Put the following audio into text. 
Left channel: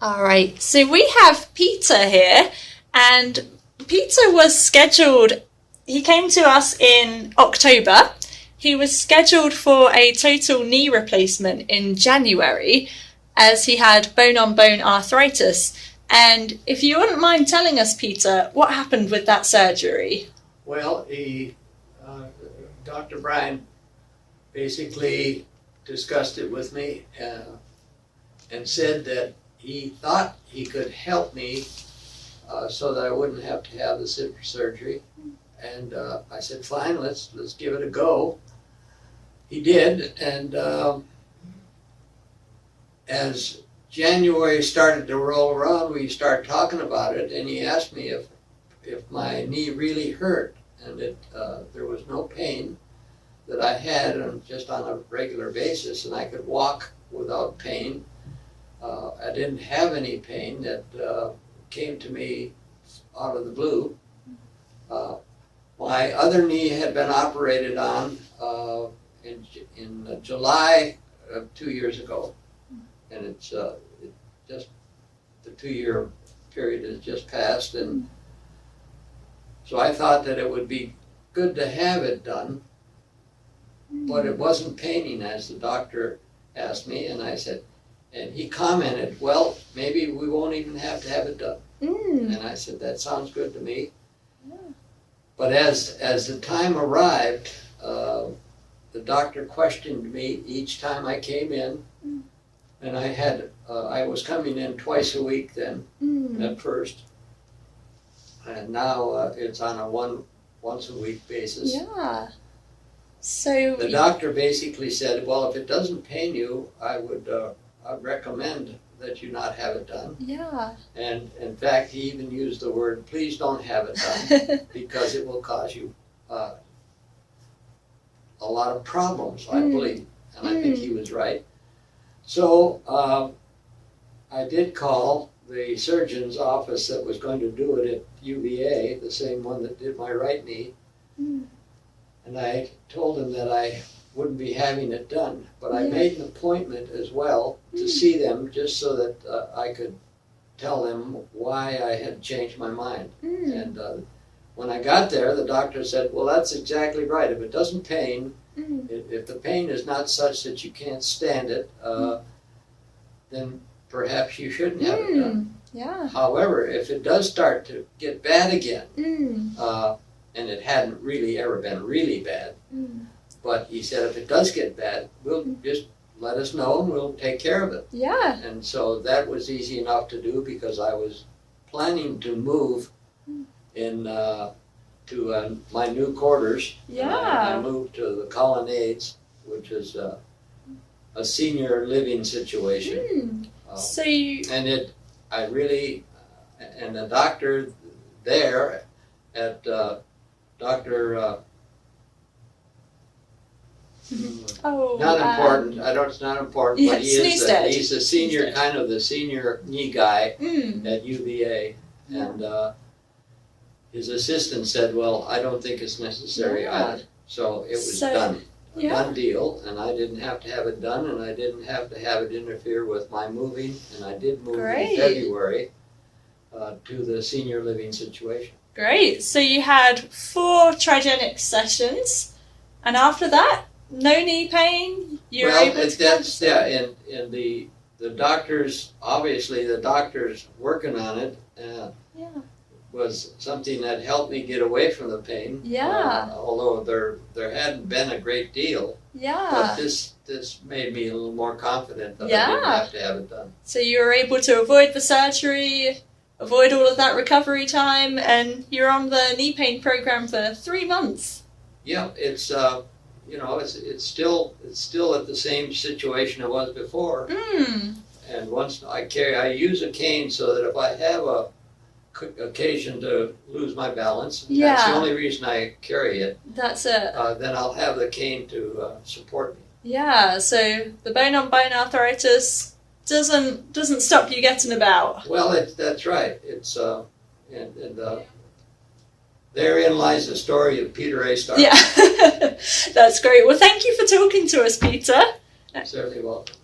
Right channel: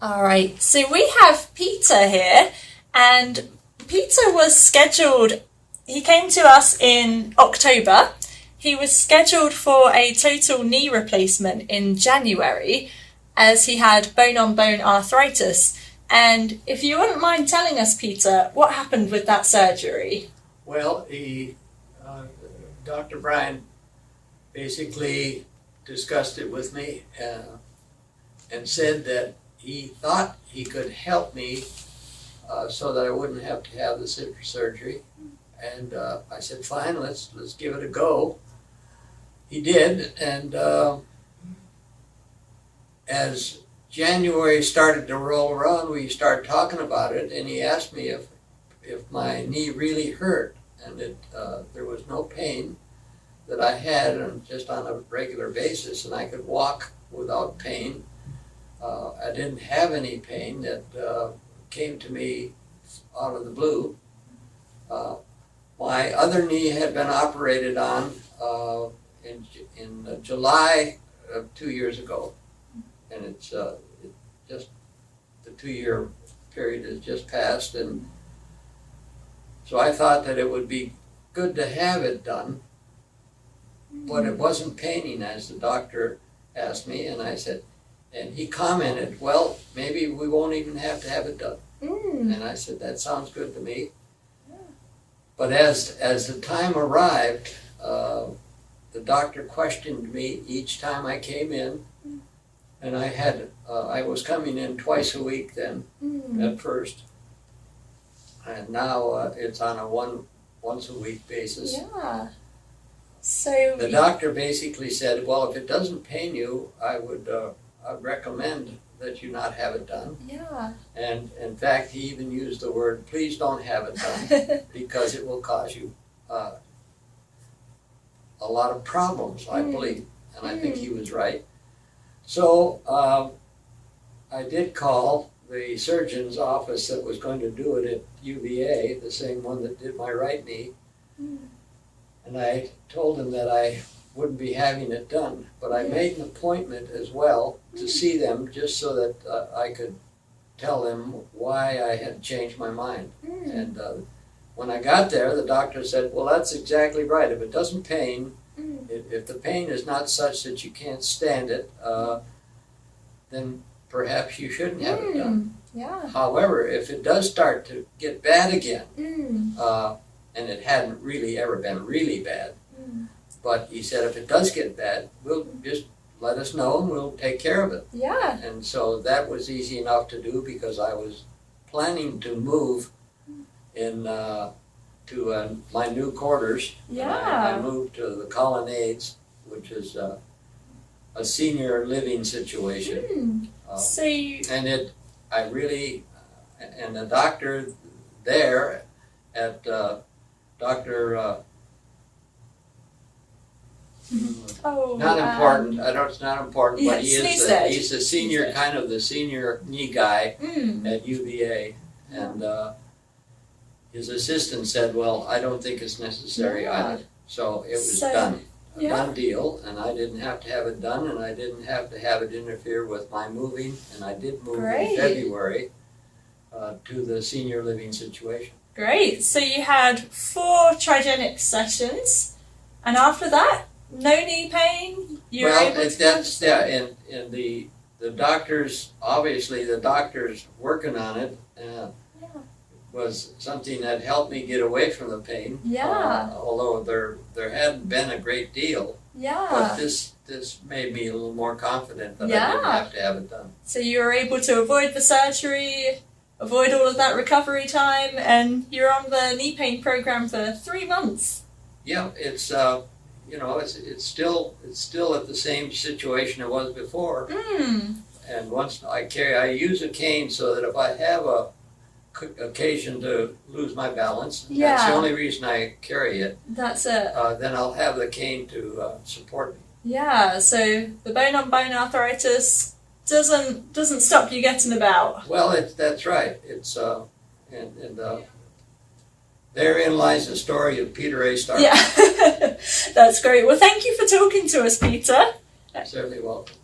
All right, so we have Peter here, and Peter was scheduled, he came to us in October. He was scheduled for a total knee replacement in January as he had bone-on-bone arthritis. And if you wouldn't mind telling us, Peter, what happened with that surgery? Well, Dr. Bryan basically discussed it with me and said that he thought he could help me so that I wouldn't have to have the surgery. And I said, fine, let's give it a go. He did, and as January started to roll around, we started talking about it, and he asked me if my knee really hurt, and there was no pain that I had just on a regular basis, and I could walk without pain. I didn't have any pain that came to me out of the blue. My other knee had been operated on in July of 2 years ago, and it's just the 2-year period has just passed, and so I thought that it would be good to have it done, but it wasn't paining, as the doctor asked me, and I said, and he commented, well, maybe we won't even have to have it done. And I said, that sounds good to me. But as the time arrived, the doctor questioned me each time I came in, and I was coming in twice a week then at first, and now it's on a once a week basis. Yeah. So the doctor basically said, well, if it doesn't pain you, I'd recommend that you not have it done. Yeah. And in fact, he even used the word, please don't have it done, because it will cause you a lot of problems, I believe. And I think he was right. So I did call the surgeon's office that was going to do it at UVA, the same one that did my right knee. And I told him that I wouldn't be having it done, but I made an appointment as well to see them, just so that I could tell them why I had changed my mind. And when I got there, the doctor said, well, that's exactly right. If it doesn't pain, if the pain is not such that you can't stand it, then perhaps you shouldn't have it done. Yeah. However, if it does start to get bad again, and it hadn't really ever been really bad, but he said if it does get bad, we'll just let us know and we'll take care of it. Yeah. And so that was easy enough to do, because I was planning to move in to my new quarters. Yeah. I moved to the Colonnades, which is a senior living situation. So and the doctor there at Dr. Not important. I know it's not important, but he's the senior, kind of the senior knee guy at UVA, and his assistant said, well, I don't think it's necessary either. So it was done. A done deal, and I didn't have to have it done, and I didn't have to have it interfere with my moving, and I did move in February to the senior living situation. Great. So you had 4 trigenic sessions, and after that, no knee pain? And the doctors, obviously the doctors working on it was something that helped me get away from the pain. Although there hadn't been a great deal. But this made me a little more confident that I didn't have to have it done. So you were able to avoid the surgery, avoid all of that recovery time, and you're on the knee pain program for 3 months. Yeah, it's it's still at the same situation it was before. And once I use a cane so that if I have a occasion to lose my balance, that's the only reason I carry it. That's it. Then I'll have the cane to support me. Yeah, so the bone-on-bone arthritis doesn't stop you getting about. Well, that's right. It's therein lies the story of Peter A. Stark. Yeah, that's great. Well, thank you for talking to us, Peter. Certainly welcome.